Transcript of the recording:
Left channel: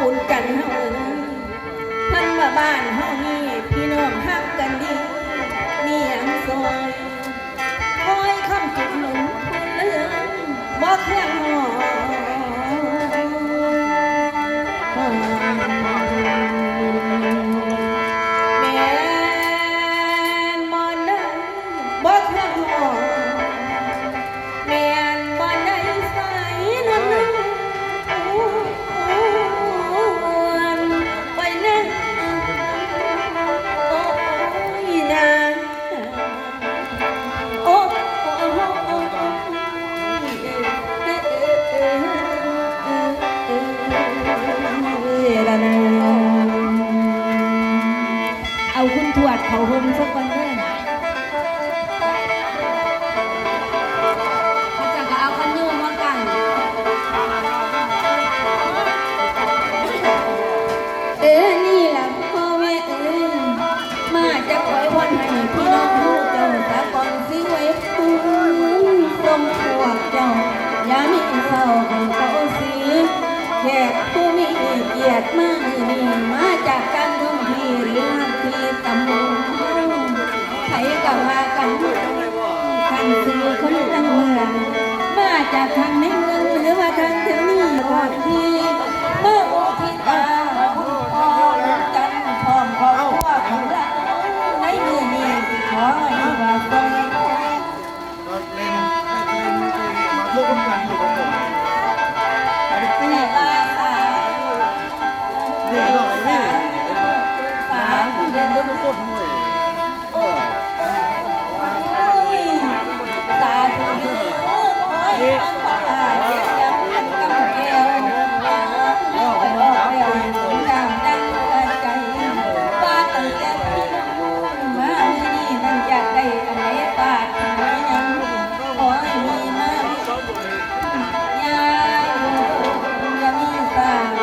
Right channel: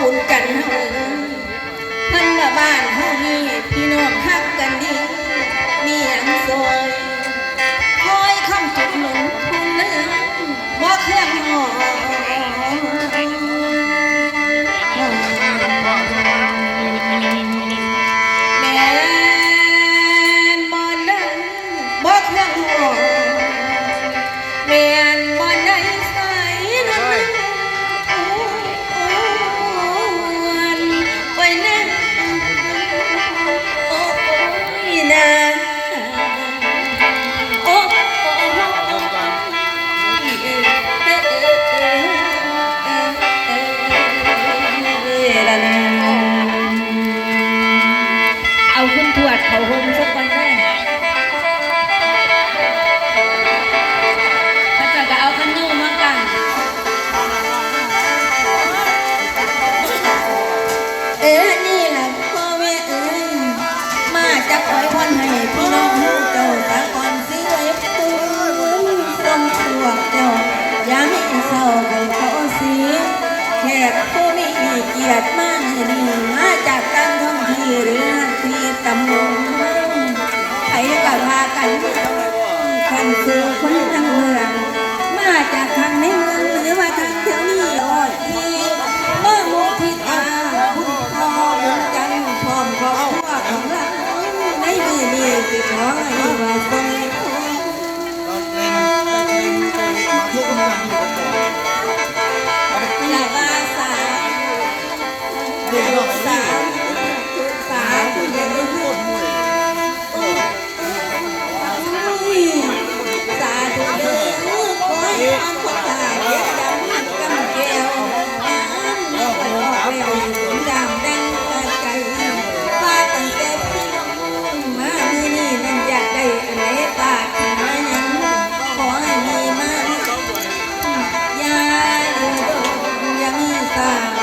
บุญกันเฮาทั้งลบ้านเฮานี่พี่น้องทักกันดี มีหยังซอยคอยคำจุดหนุนคุณเนื้อบ่เครื่องหอ คุณทวดเขาคุณทุกคน Ai.